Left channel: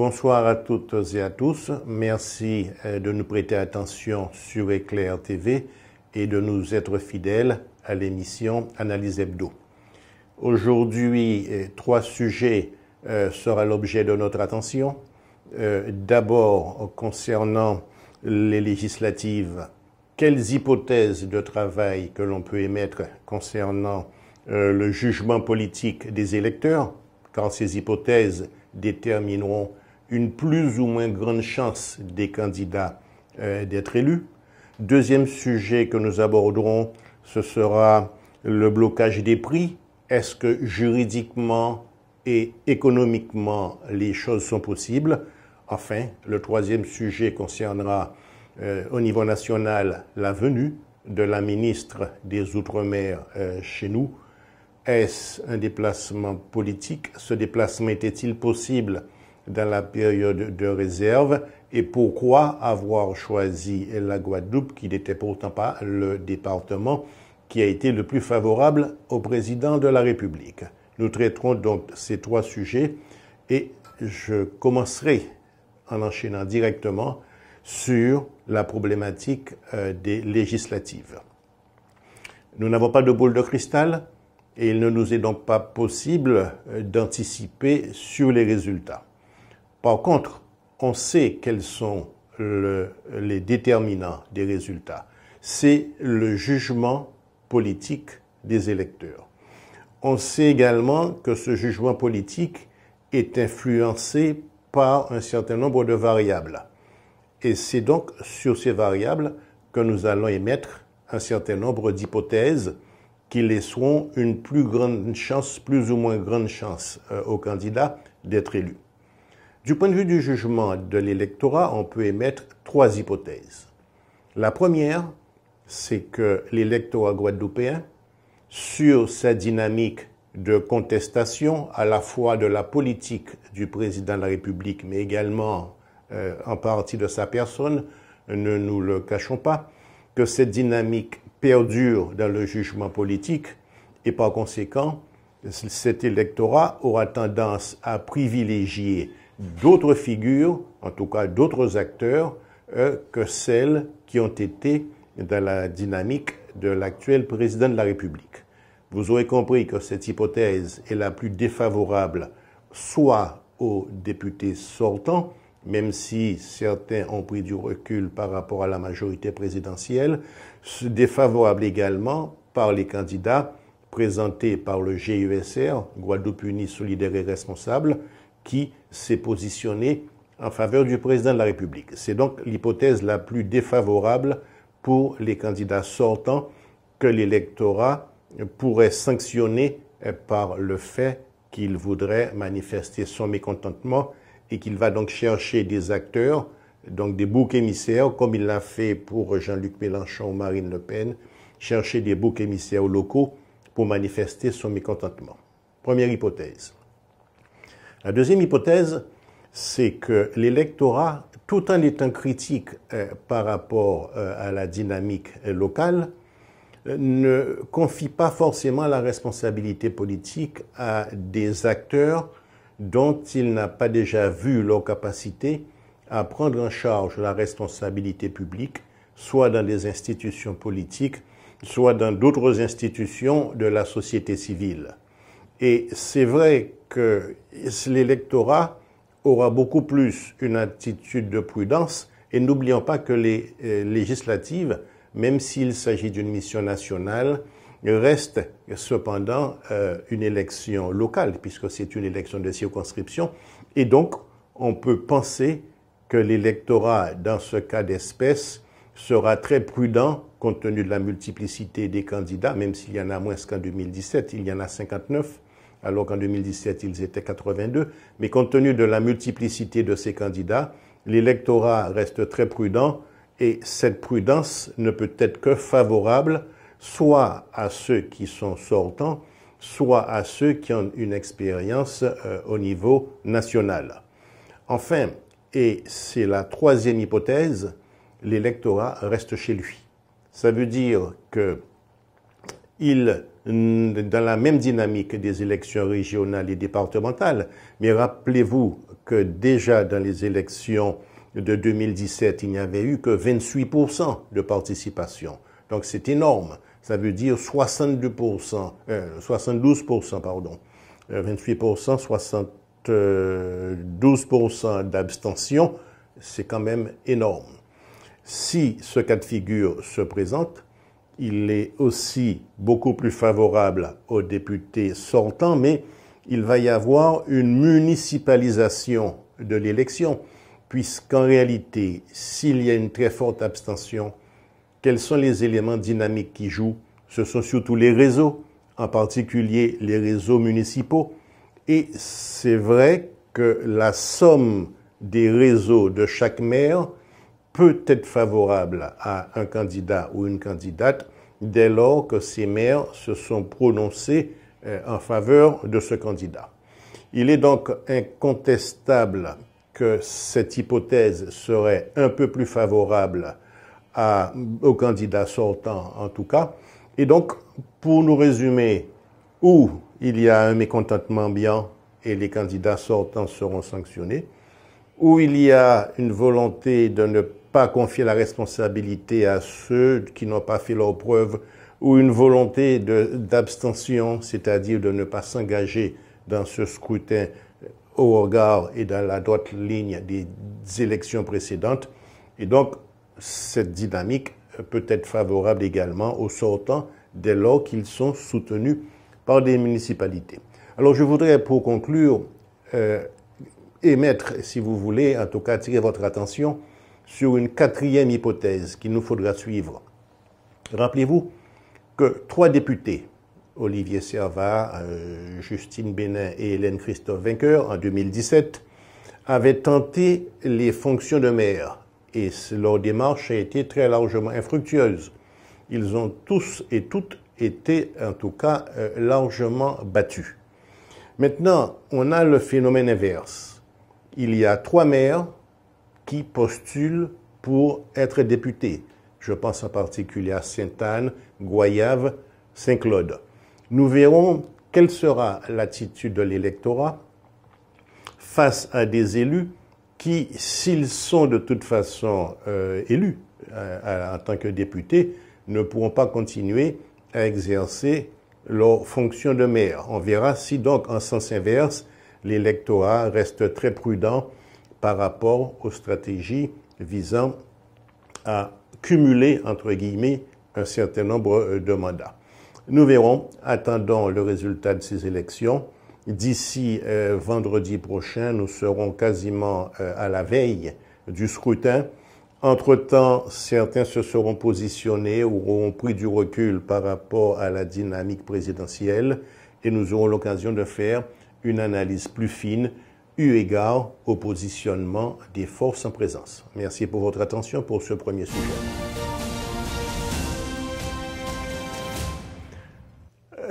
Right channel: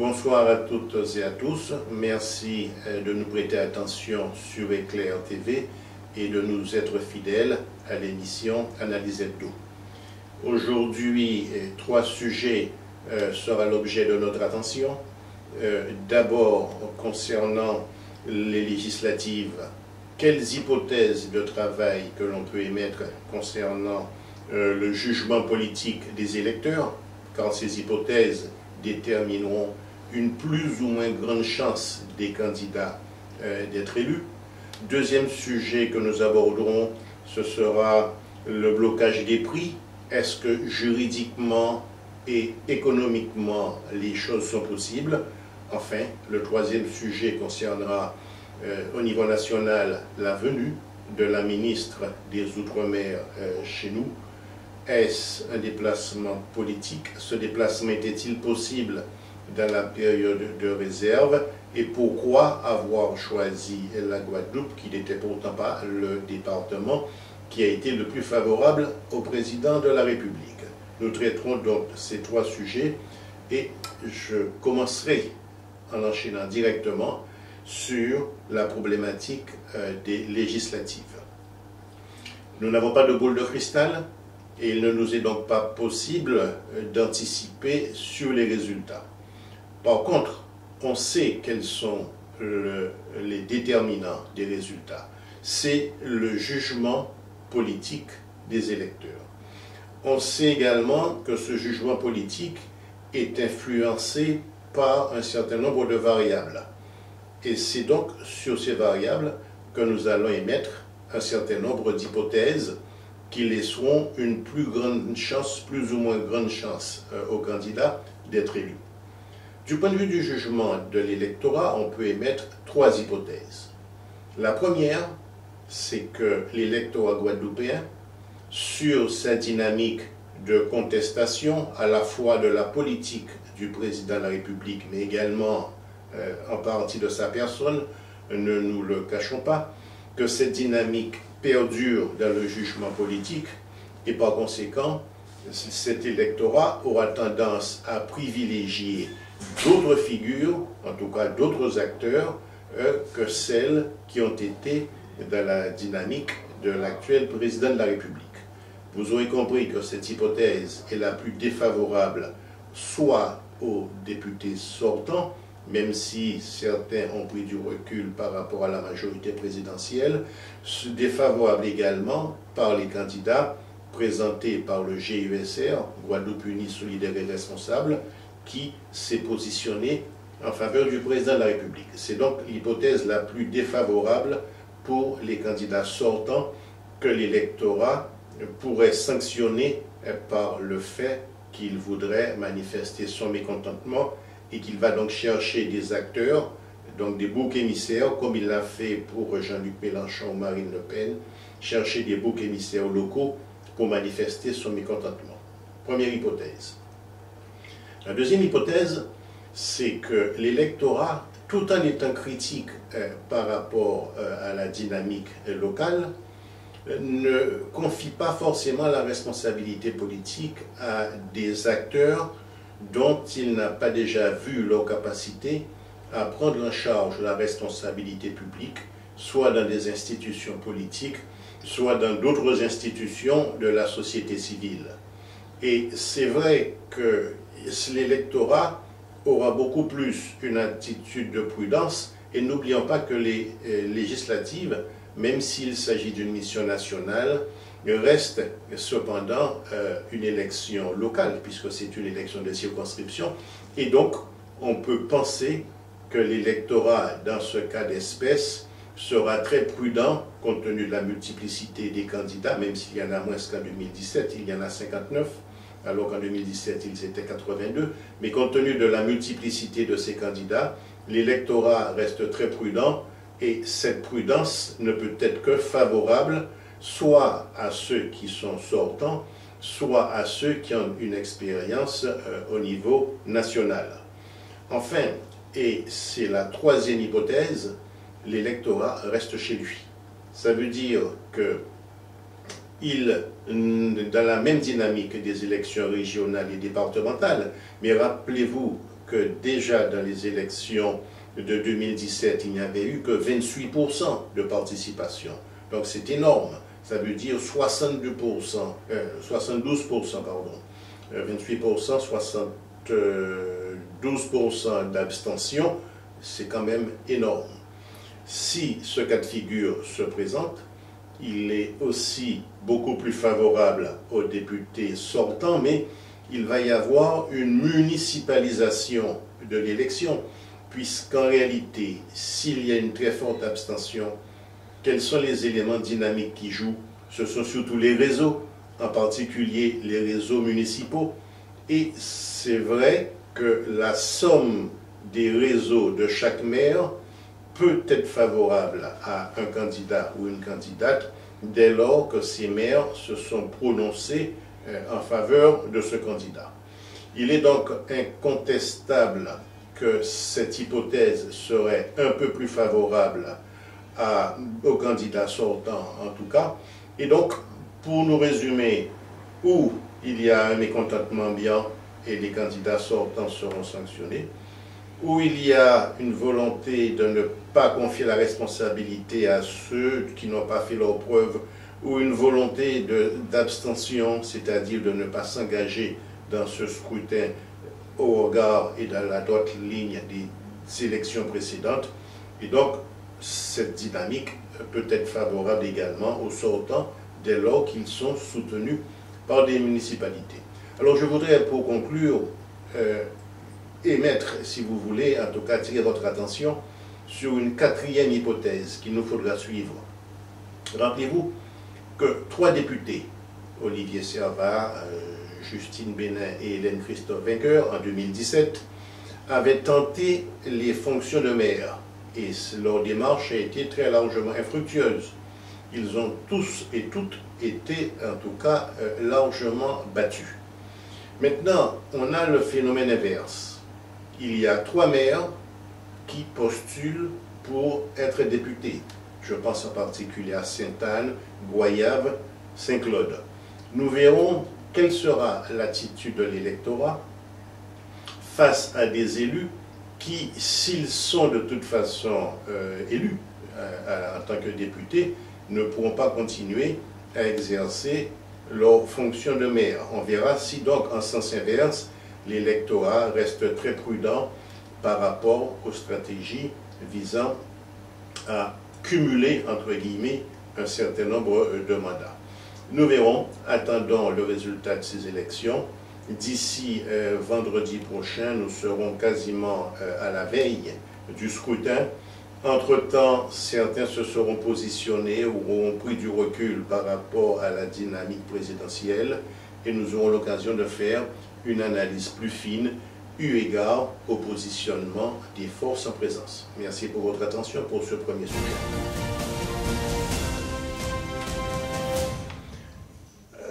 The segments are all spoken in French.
Bonsoir à toutes et à tous. Merci de nous prêter attention sur Éclair TV et de nous être fidèles à l'émission Analyse Hebdo. Aujourd'hui, trois sujets seront l'objet de notre attention. D'abord, concernant les législatives, quelles hypothèses de travail que l'on peut émettre concernant le jugement politique des électeurs, car ces hypothèses détermineront une plus ou moins grande chance des candidats d'être élus. Deuxième sujet que nous aborderons, ce sera le blocage des prix. Est-ce que juridiquement et économiquement les choses sont possibles? Enfin, le troisième sujet concernera au niveau national la venue de la ministre des Outre-mer chez nous. Est-ce un déplacement politique? Ce déplacement était-il possible dans la période de réserve? Et pourquoi avoir choisi la Guadeloupe, qui n'était pourtant pas le département qui a été le plus favorable au président de la République? Nous traiterons donc ces trois sujets et je commencerai en enchaînant directement sur la problématique des législatives. Nous n'avons pas de boule de cristal. Et il ne nous est donc pas possible d'anticiper sur les résultats. Par contre, on sait quels sont les déterminants des résultats. C'est le jugement politique des électeurs. On sait également que ce jugement politique est influencé par un certain nombre de variables. Et c'est donc sur ces variables que nous allons émettre un certain nombre d'hypothèses qui laisseront une plus ou moins grande chance aux candidats d'être élus. Du point de vue du jugement de l'électorat, on peut émettre trois hypothèses. La première, c'est que l'électorat guadeloupéen, sur sa dynamique de contestation à la fois de la politique du président de la République, mais également en partie de sa personne, ne nous le cachons pas, que cette dynamique perdure dans le jugement politique et par conséquent, cet électorat aura tendance à privilégier d'autres figures, en tout cas d'autres acteurs, que celles qui ont été dans la dynamique de l'actuel président de la République. Vous aurez compris que cette hypothèse est la plus défavorable soit aux députés sortants, même si certains ont pris du recul par rapport à la majorité présidentielle, défavorable également par les candidats présentés par le GUSR, Guadeloupe Unie Solidaire et Responsable, qui s'est positionné en faveur du président de la République. C'est donc l'hypothèse la plus défavorable pour les candidats sortants que l'électorat pourrait sanctionner par le fait qu'il voudrait manifester son mécontentement et qu'il va donc chercher des acteurs, donc des boucs émissaires, comme il l'a fait pour Jean-Luc Mélenchon ou Marine Le Pen, chercher des boucs émissaires locaux pour manifester son mécontentement. Première hypothèse. La deuxième hypothèse, c'est que l'électorat, tout en étant critique par rapport à la dynamique locale, ne confie pas forcément la responsabilité politique à des acteurs dont il n'a pas déjà vu leur capacité à prendre en charge la responsabilité publique, soit dans des institutions politiques, soit dans d'autres institutions de la société civile. Et c'est vrai que l'électorat aura beaucoup plus une attitude de prudence, et n'oublions pas que les législatives, même s'il s'agit d'une mission nationale, reste cependant une élection locale, puisque c'est une élection de circonscription, et donc on peut penser que l'électorat, dans ce cas d'espèce, sera très prudent compte tenu de la multiplicité des candidats, même s'il y en a moins qu'en 2017, il y en a 59, alors qu'en 2017 ils étaient 82, mais compte tenu de la multiplicité de ces candidats, l'électorat reste très prudent, et cette prudence ne peut être que favorable soit à ceux qui sont sortants, soit à ceux qui ont une expérience au niveau national. Enfin, et c'est la troisième hypothèse, l'électorat reste chez lui. Ça veut dire que dans la même dynamique des élections régionales et départementales, mais rappelez-vous que déjà dans les élections de 2017, il n'y avait eu que 28% de participation. Donc c'est énorme. Ça veut dire 72%, 72%, pardon. 28%, 72% d'abstention, c'est quand même énorme. Si ce cas de figure se présente, il est aussi beaucoup plus favorable aux députés sortants, mais il va y avoir une municipalisation de l'élection, puisqu'en réalité, s'il y a une très forte abstention, quels sont les éléments dynamiques qui jouent? Ce sont surtout les réseaux, en particulier les réseaux municipaux. Et c'est vrai que la somme des réseaux de chaque maire peut être favorable à un candidat ou une candidate dès lors que ces maires se sont prononcés en faveur de ce candidat. Il est donc incontestable que cette hypothèse serait un peu plus favorable au candidat sortant en tout cas. Et donc, pour nous résumer, où il y a un mécontentement ambiant et les candidats sortants seront sanctionnés, où il y a une volonté de ne pas confier la responsabilité à ceux qui n'ont pas fait leurs preuves, ou une volonté d'abstention, c'est-à-dire de ne pas s'engager dans ce scrutin au regard et dans la droite ligne des élections précédentes. Et donc, cette dynamique peut être favorable également aux sortants dès lors qu'ils sont soutenus par des municipalités. Alors, je voudrais, pour conclure, émettre, si vous voulez, en tout cas attirer votre attention sur une quatrième hypothèse qu'il nous faudra suivre. Rappelez-vous que 3 députés, Olivier Servat, Justine Bénin et Hélène Christophe Vainqueur, en 2017, avaient tenté les fonctions de maire et leur démarche a été très largement infructueuse. Ils ont tous et toutes été, en tout cas, largement battus. Maintenant, on a le phénomène inverse. Il y a 3 maires qui postulent pour être députés. Je pense en particulier à Sainte-Anne, Goyave, Saint-Claude. Nous verrons quelle sera l'attitude de l'électorat face à des élus qui, s'ils sont de toute façon élus en tant que députés, ne pourront pas continuer à exercer leur fonction de maire. On verra si donc, en sens inverse, l'électorat reste très prudent par rapport aux stratégies visant à cumuler, entre guillemets, un certain nombre de mandats. Nous verrons, attendons le résultat de ces élections. D'ici vendredi prochain, nous serons quasiment à la veille du scrutin. Entre-temps, certains se seront positionnés ou auront pris du recul par rapport à la dynamique présidentielle et nous aurons l'occasion de faire une analyse plus fine eu égard au positionnement des forces en présence. Merci pour votre attention pour ce premier sujet.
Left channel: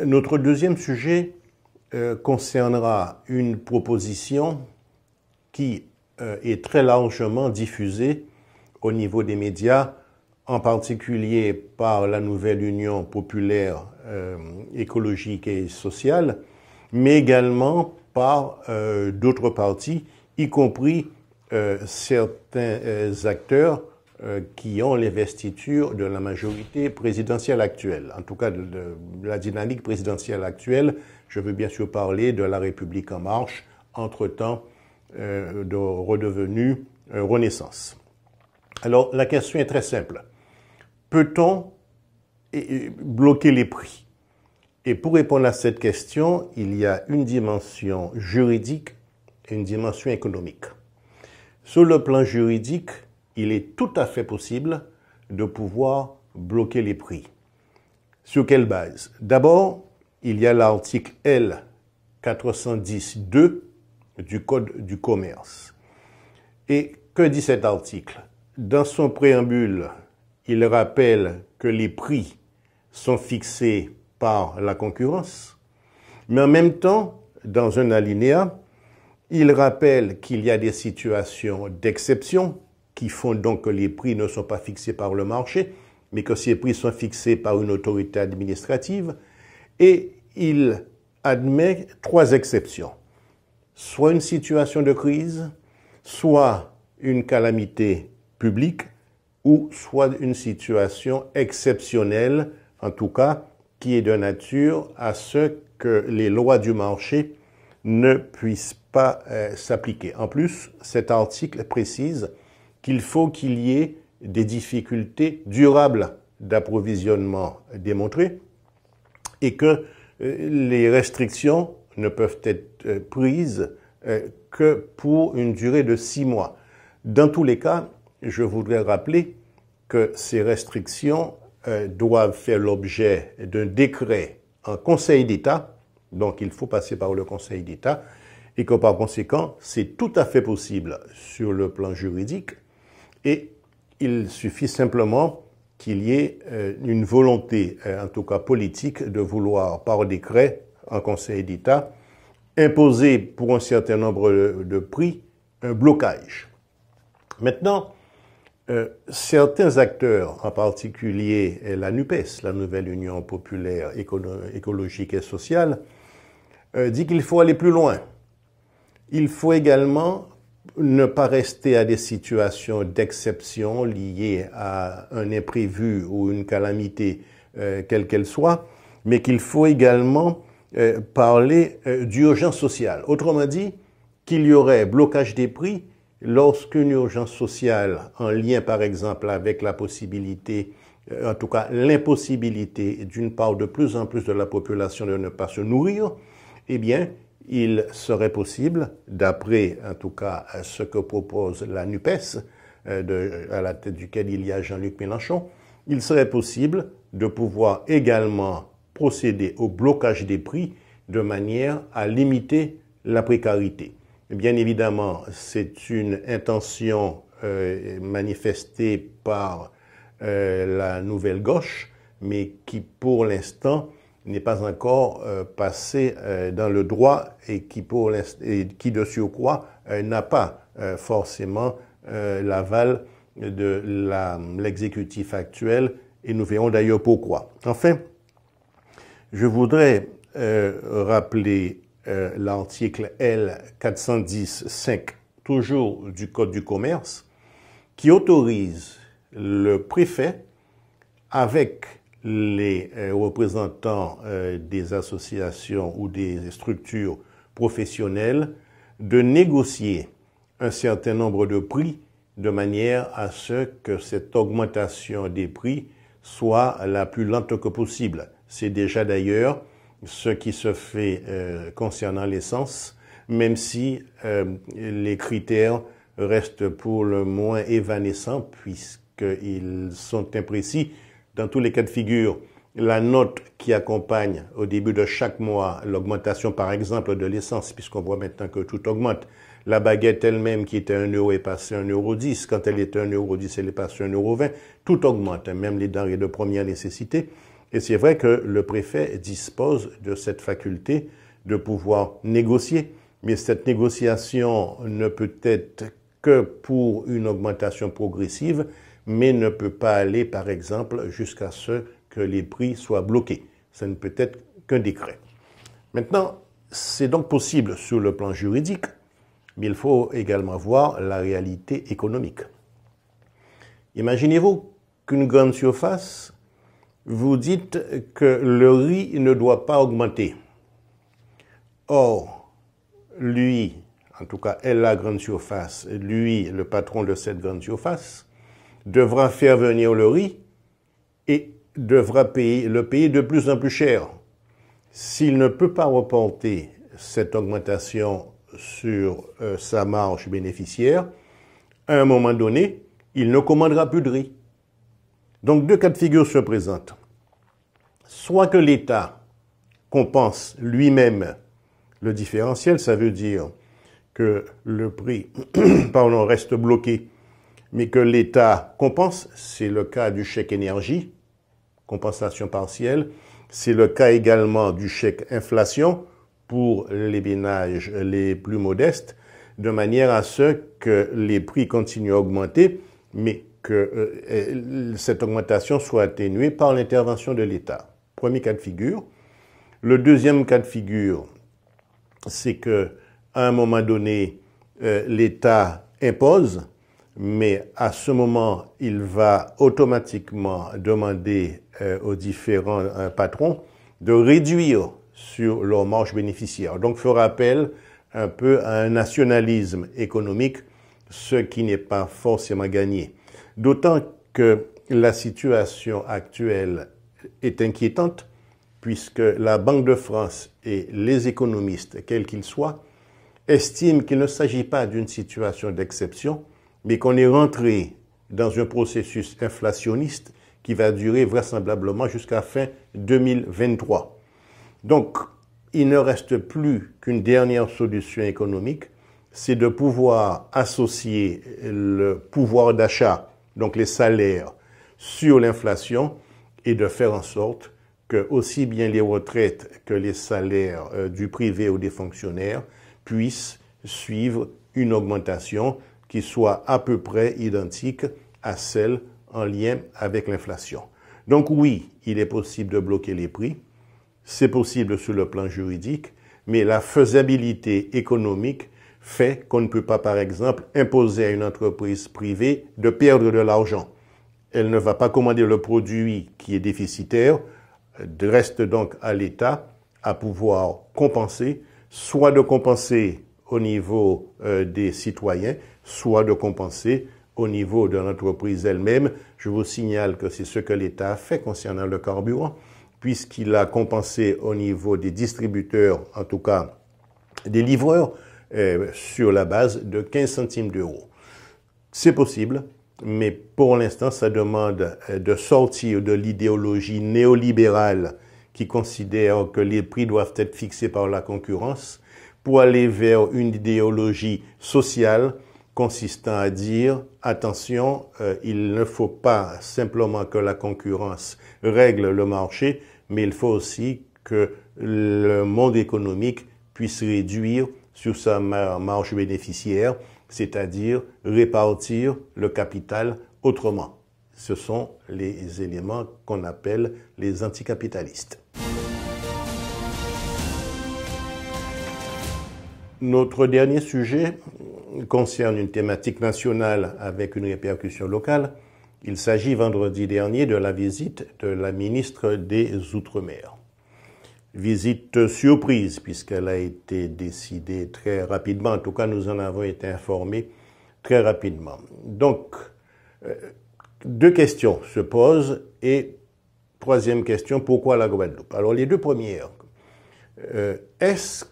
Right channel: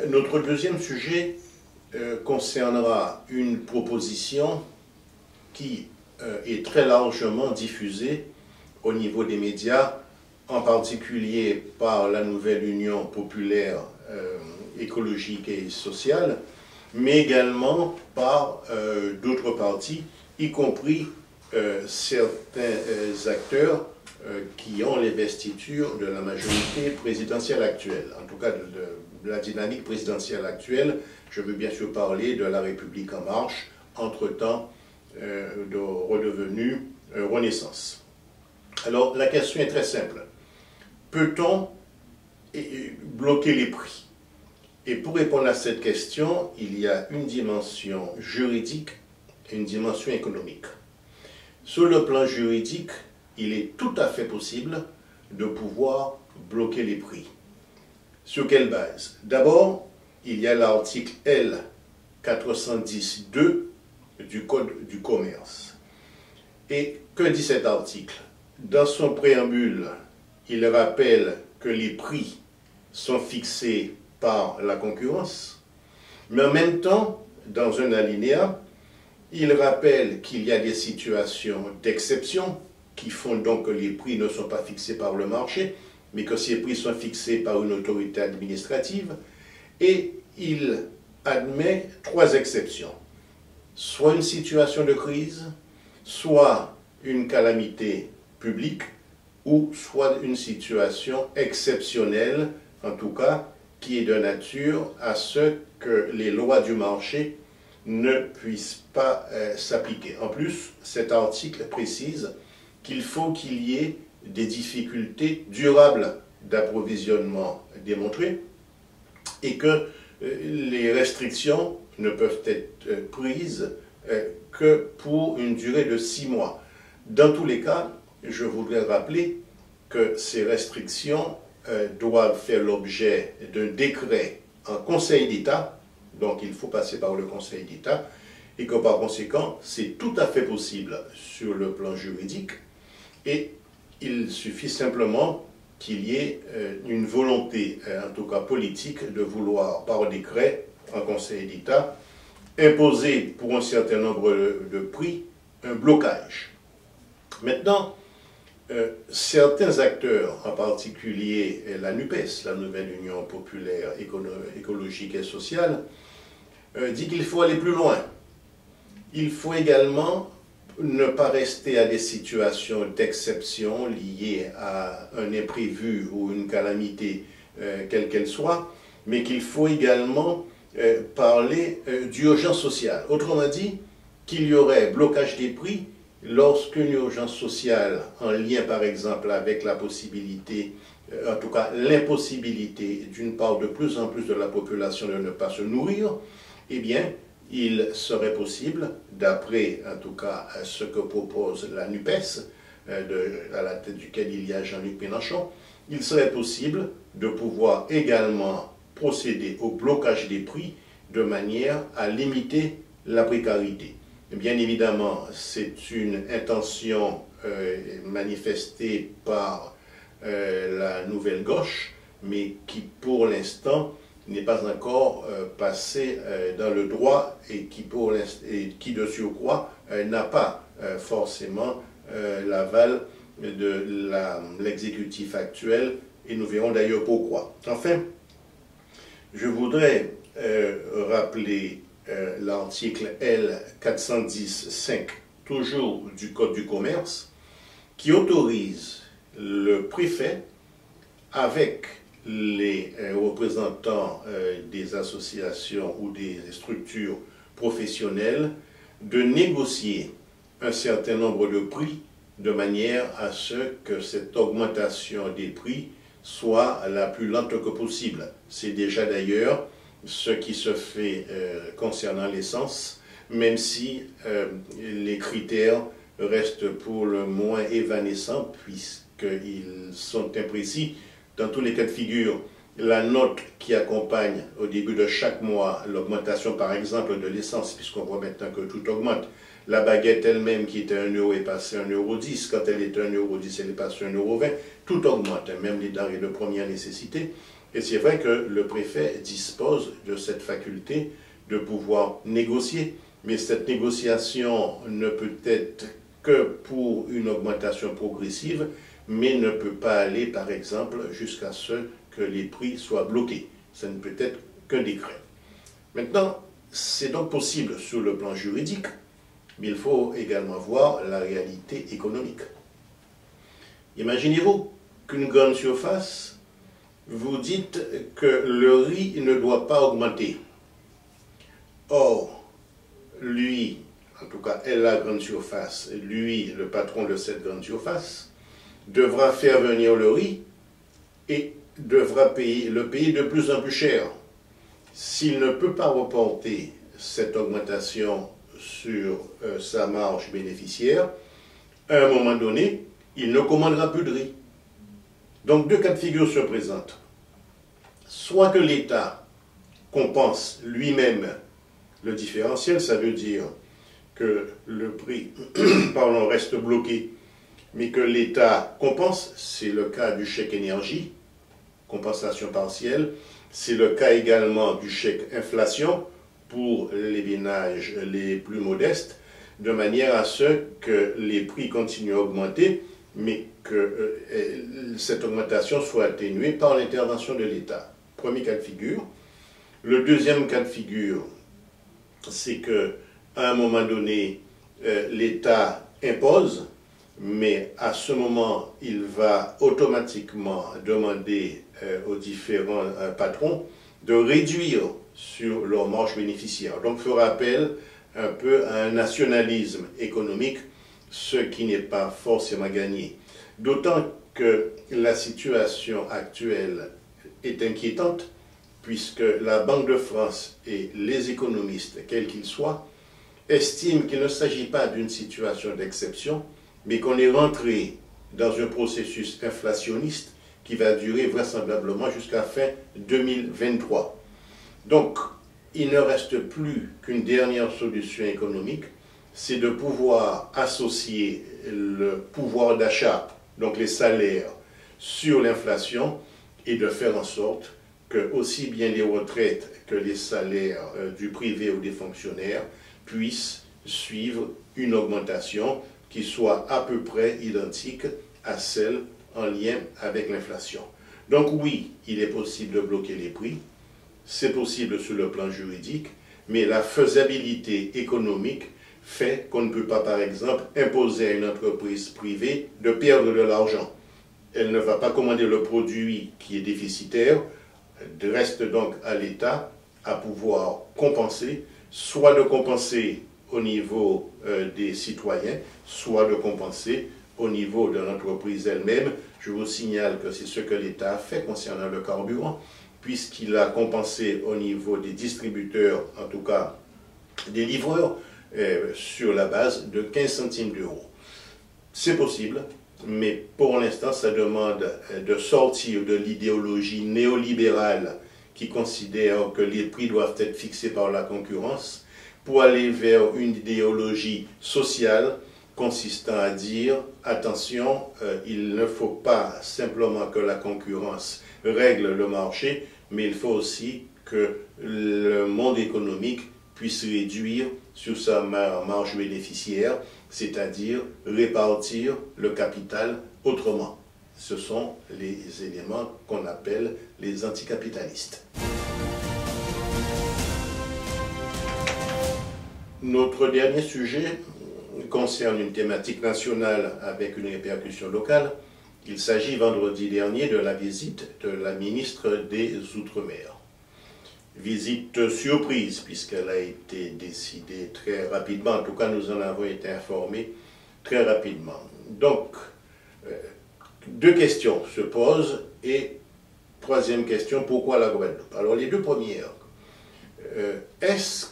Notre deuxième sujet concernera une proposition qui est très largement diffusée au niveau des médias, en particulier par la nouvelle Union populaire écologique et sociale, mais également par d'autres partis, y compris certains acteurs qui ont l'investiture de la majorité présidentielle actuelle. En tout cas, de la dynamique présidentielle actuelle, je veux bien sûr parler de La République en marche, entre-temps redevenue Renaissance. Alors, la question est très simple. Peut-on bloquer les prix? Et pour répondre à cette question, il y a une dimension juridique et une dimension économique. Sur le plan juridique, il est tout à fait possible de pouvoir bloquer les prix. Sur quelle base? D'abord, il y a l'article L 410-2 du Code du commerce. Et que dit cet article? Dans son préambule, il rappelle que les prix sont fixés par la concurrence, mais en même temps, dans un alinéa, il rappelle qu'il y a des situations d'exception qui font donc que les prix ne sont pas fixés par le marché, mais que ces prix sont fixés par une autorité administrative, et il admet 3 exceptions. Soit une situation de crise, soit une calamité publique ou soit une situation exceptionnelle, en tout cas, qui est de nature à ce que les lois du marché ne puissent pas s'appliquer. En plus, cet article précise qu'il faut qu'il y ait des difficultés durables d'approvisionnement démontrées et que les restrictions ne peuvent être prises que pour une durée de 6 mois. Dans tous les cas, je voudrais rappeler que ces restrictions doivent faire l'objet d'un décret en Conseil d'État, donc il faut passer par le Conseil d'État, et que par conséquent, c'est tout à fait possible sur le plan juridique, et il suffit simplement qu'il y ait une volonté, en tout cas politique, de vouloir par décret en Conseil d'État imposer pour un certain nombre de prix un blocage. Maintenant, certains acteurs, en particulier la NUPES, la Nouvelle Union Populaire Écologique et Sociale, dit qu'il faut aller plus loin. Il faut également ne pas rester à des situations d'exception liées à un imprévu ou une calamité, quelle qu'elle soit, mais qu'il faut également parler d'urgence sociale. Autrement dit, qu'il y aurait blocage des prix lorsqu'une urgence sociale, en lien par exemple avec la possibilité, en tout cas l'impossibilité d'une part de plus en plus de la population de ne pas se nourrir, eh bien, il serait possible, d'après en tout cas ce que propose la NUPES, à la tête duquel il y a Jean-Luc Mélenchon, il serait possible de pouvoir également procéder au blocage des prix de manière à limiter la précarité. Bien évidemment, c'est une intention manifestée par la nouvelle gauche, mais qui pour l'instant n'est pas encore passée dans le droit et qui de surcroît n'a pas forcément l'aval de l'exécutif actuel, et nous verrons d'ailleurs pourquoi. Enfin, je voudrais rappeler l'article L410.5, toujours du Code du commerce, qui autorise le préfet, avec les représentants des associations ou des structures professionnelles, de négocier un certain nombre de prix de manière à ce que cette augmentation des prix soit la plus lente que possible. C'est déjà d'ailleurs ce qui se fait concernant l'essence, même si les critères restent pour le moins évanescents puisqu'ils sont imprécis. Dans tous les cas de figure, la note qui accompagne au début de chaque mois l'augmentation par exemple de l'essence, puisqu'on voit maintenant que tout augmente, la baguette elle-même qui était 1 euro est passée à 1,10 €, quand elle était 1,10 €, elle est passée à 1,20 €, tout augmente, même les denrées de première nécessité. Et c'est vrai que le préfet dispose de cette faculté de pouvoir négocier, mais cette négociation ne peut être que pour une augmentation progressive, mais ne peut pas aller, par exemple, jusqu'à ce que les prix soient bloqués. Ça ne peut être qu'un décret. Maintenant, c'est donc possible sur le plan juridique, mais il faut également voir la réalité économique. Imaginez-vous qu'une grande surface vous dites que le riz ne doit pas augmenter. Or, lui, en tout cas, elle, la grande surface, lui, le patron de cette grande surface, devra faire venir le riz et devra le payer de plus en plus cher. S'il ne peut pas reporter cette augmentation sur sa marge bénéficiaire, à un moment donné, il ne commandera plus de riz. Donc deux cas de figure se présentent. Soit que l'État compense lui-même le différentiel, ça veut dire que le prix reste bloqué, mais que l'État compense, c'est le cas du chèque énergie, compensation partielle, c'est le cas également du chèque inflation pour les ménages les plus modestes, de manière à ce que les prix continuent à augmenter, mais que cette augmentation soit atténuée par l'intervention de l'État. Premier cas de figure. Le deuxième cas de figure, c'est qu'à un moment donné, l'État impose, mais à ce moment, il va automatiquement demander aux différents patrons de réduire sur leur marge bénéficiaire. Donc, fera appel un peu à un nationalisme économique, ce qui n'est pas forcément gagné. D'autant que la situation actuelle est inquiétante, puisque la Banque de France et les économistes, quels qu'ils soient, estiment qu'il ne s'agit pas d'une situation d'exception, mais qu'on est rentré dans un processus inflationniste qui va durer vraisemblablement jusqu'à fin 2023. Donc, il ne reste plus qu'une dernière solution économique, c'est de pouvoir associer le pouvoir d'achat, donc les salaires, sur l'inflation et de faire en sorte que aussi bien les retraites que les salaires du privé ou des fonctionnaires puissent suivre une augmentation qui soit à peu près identique à celle en lien avec l'inflation. Donc oui, il est possible de bloquer les prix, c'est possible sur le plan juridique, mais la faisabilité économique fait qu'on ne peut pas, par exemple, imposer à une entreprise privée de perdre de l'argent. Elle ne va pas commander le produit qui est déficitaire, reste donc à l'État à pouvoir compenser, soit de compenser au niveau des citoyens, soit de compenser au niveau de l'entreprise elle-même. Je vous signale que c'est ce que l'État a fait concernant le carburant, puisqu'il a compensé au niveau des distributeurs, en tout cas des livreurs, sur la base de 15 centimes d'euros. C'est possible, mais pour l'instant, ça demande de sortir de l'idéologie néolibérale qui considère que les prix doivent être fixés par la concurrence pour aller vers une idéologie sociale consistant à dire, attention, il ne faut pas simplement que la concurrence règle le marché, mais il faut aussi que le monde économique puisse réduire sur sa marge bénéficiaire, c'est-à-dire répartir le capital autrement. Ce sont les éléments qu'on appelle les anticapitalistes. Notre dernier sujet concerne une thématique nationale avec une répercussion locale. Il s'agit vendredi dernier de la visite de la ministre des Outre-mer. Visite surprise puisqu'elle a été décidée très rapidement. En tout cas, nous en avons été informés très rapidement. Donc, deux questions se posent et troisième question, pourquoi la Guadeloupe? Alors, les deux premières, est-ce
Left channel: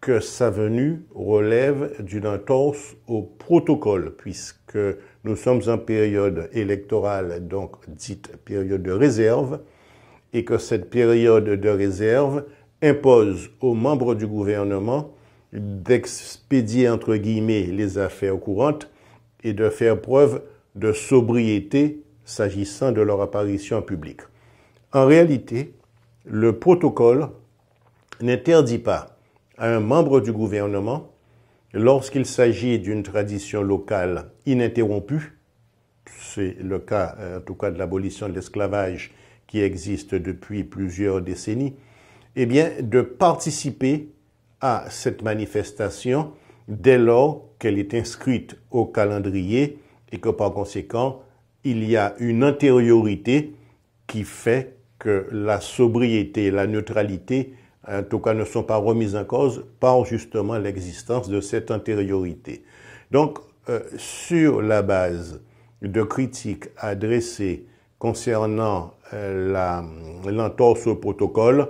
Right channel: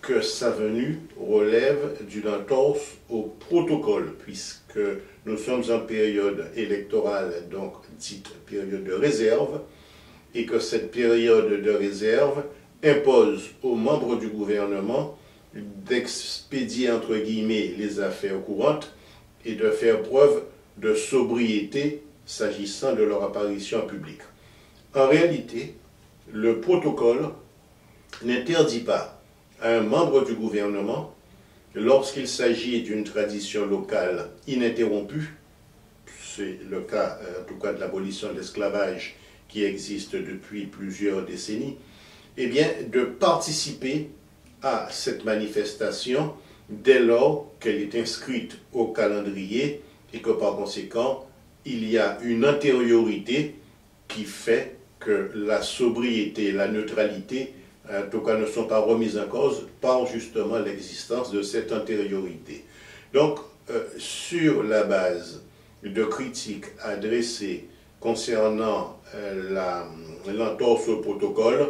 que sa venue relève d'une entorse au protocole, puisque nous sommes en période électorale, donc dite période de réserve, et que cette période de réserve impose aux membres du gouvernement d'expédier, entre guillemets, les affaires courantes et de faire preuve de sobriété s'agissant de leur apparition en public. En réalité, le protocole n'interdit pas à un membre du gouvernement, lorsqu'il s'agit d'une tradition locale ininterrompue, c'est le cas en tout cas de l'abolition de l'esclavage qui existe depuis plusieurs décennies, eh bien de participer à cette manifestation dès lors qu'elle est inscrite au calendrier et que par conséquent il y a une antériorité qui fait que la sobriété et la neutralité en tout cas ne sont pas remises en cause par justement l'existence de cette antériorité. Donc, sur la base de critiques adressées concernant l'entorse au protocole,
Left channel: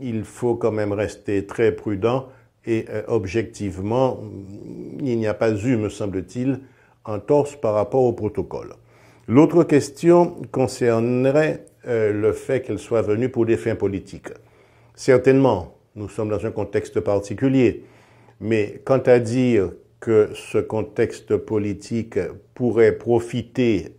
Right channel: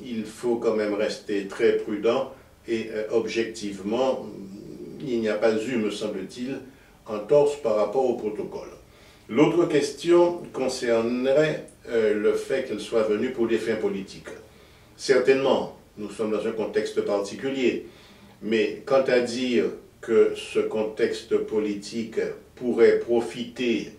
il faut quand même rester très prudent et objectivement, il n'y a pas eu, me semble-t-il, entorse par rapport au protocole. L'autre question concernerait le fait qu'elle soit venue pour des fins politiques. Certainement, nous sommes dans un contexte particulier, mais quant à dire que ce contexte politique pourrait profiter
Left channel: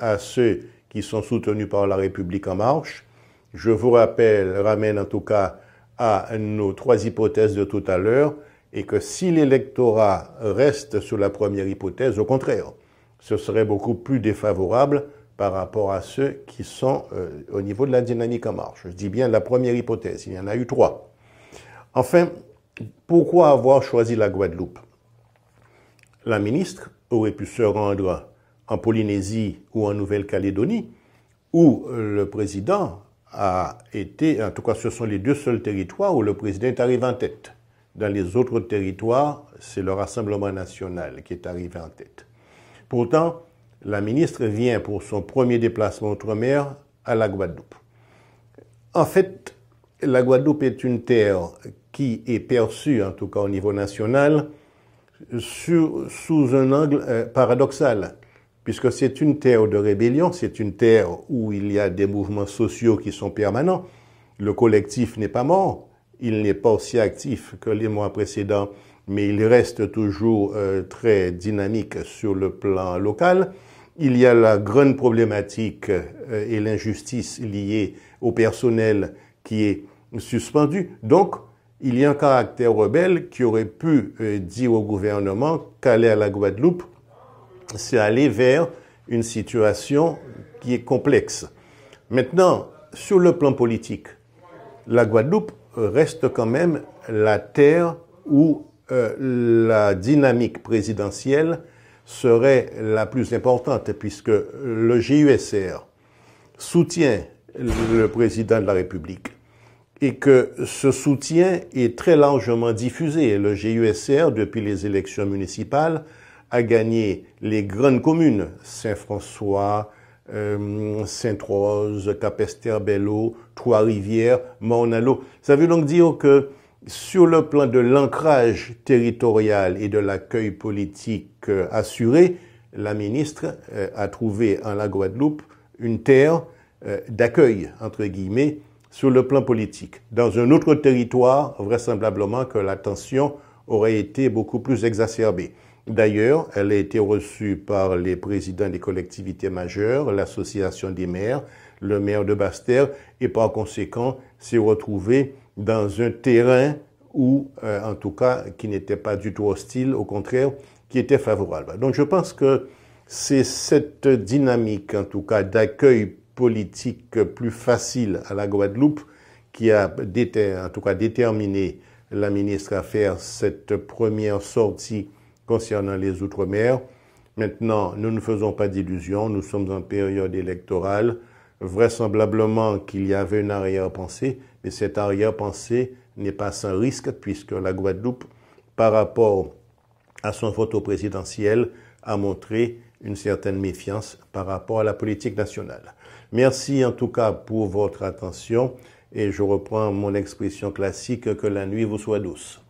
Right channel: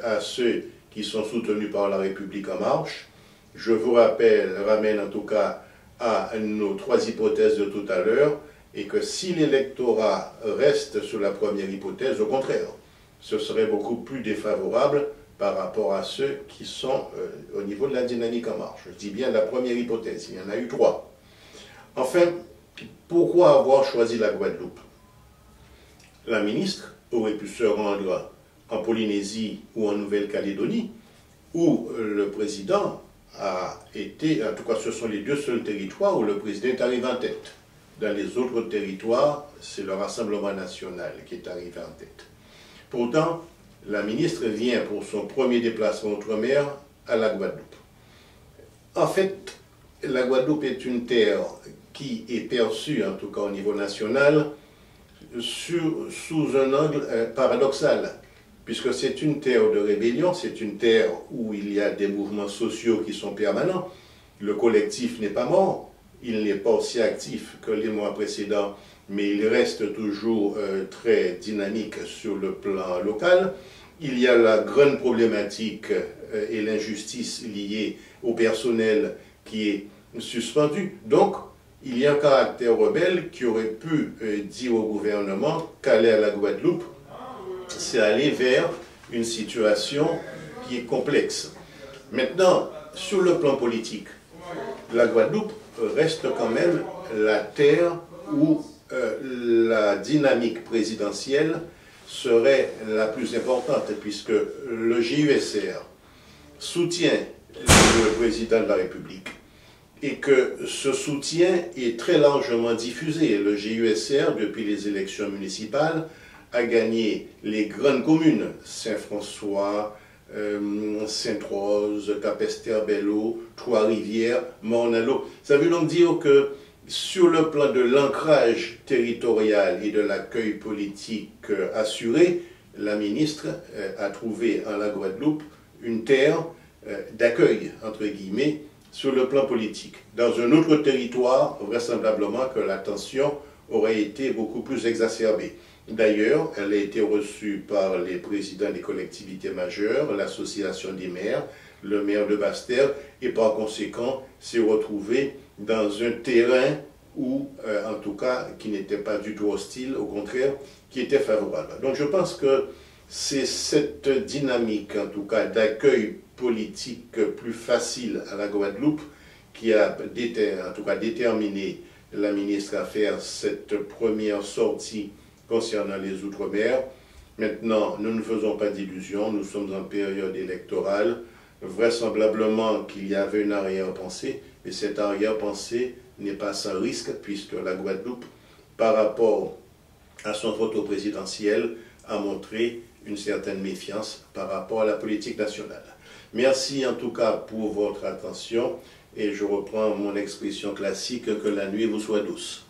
à ceux qui sont soutenus par La République En Marche, je vous ramène en tout cas à nos trois hypothèses de tout à l'heure, et que si l'électorat reste sur la première hypothèse, au contraire, ce serait beaucoup plus défavorable par rapport à ceux qui sont au niveau de la dynamique en marche. Je dis bien la première hypothèse, il y en a eu trois. Enfin, pourquoi avoir choisi la Guadeloupe? La ministre aurait pu se rendre en Polynésie ou en Nouvelle-Calédonie, où le président a été, en tout cas ce sont les deux seuls territoires où le président est arrivé en tête. Dans les autres territoires, c'est le Rassemblement national qui est arrivé en tête. Pourtant, la ministre vient pour son premier déplacement outre-mer à la Guadeloupe. En fait, la Guadeloupe est une terre qui est perçue, en tout cas au niveau national, sous un angle paradoxal, puisque c'est une terre de rébellion, c'est une terre où il y a des mouvements sociaux qui sont permanents. Le collectif n'est pas mort, il n'est pas aussi actif que les mois précédents, mais il reste toujours très dynamique sur le plan local. Il y a la grande problématique et l'injustice liée au personnel qui est suspendu. Donc, il y a un caractère rebelle qui aurait pu dire au gouvernement qu'aller à la Guadeloupe, c'est aller vers une situation qui est complexe. Maintenant, sur le plan politique, la Guadeloupe reste quand même la terre où la dynamique présidentielle serait la plus importante, puisque le GUSR soutient le président de la République et que ce soutien est très largement diffusé. Le GUSR, depuis les élections municipales, a gagné les grandes communes, Saint-François, Sainte-Rose, Capesterre-Belle-Eau, Trois-Rivières, Morne-à-l'Eau. Ça veut donc dire que sur le plan de l'ancrage territorial et de l'accueil politique assuré, la ministre a trouvé en la Guadeloupe une terre d'accueil, entre guillemets, sur le plan politique. Dans un autre territoire, vraisemblablement que la tension aurait été beaucoup plus exacerbée. D'ailleurs, elle a été reçue par les présidents des collectivités majeures, l'association des maires, le maire de Basse-Terre, et par conséquent s'est retrouvée dans un terrain où, en tout cas, qui n'était pas du tout hostile, au contraire, qui était favorable. Donc je pense que c'est cette dynamique, en tout cas, d'accueil politique plus facile à la Guadeloupe qui a en tout cas déterminé la ministre à faire cette première sortie concernant les Outre-mer. Maintenant, nous ne faisons pas d'illusions, nous sommes en période électorale. Vraisemblablement qu'il y avait une arrière-pensée, mais cette arrière-pensée n'est pas sans risque puisque la Guadeloupe, par rapport à son vote au présidentiel, a montré une certaine méfiance par rapport à la politique nationale. Merci en tout cas pour votre attention et je reprends mon expression classique que la nuit vous soit douce.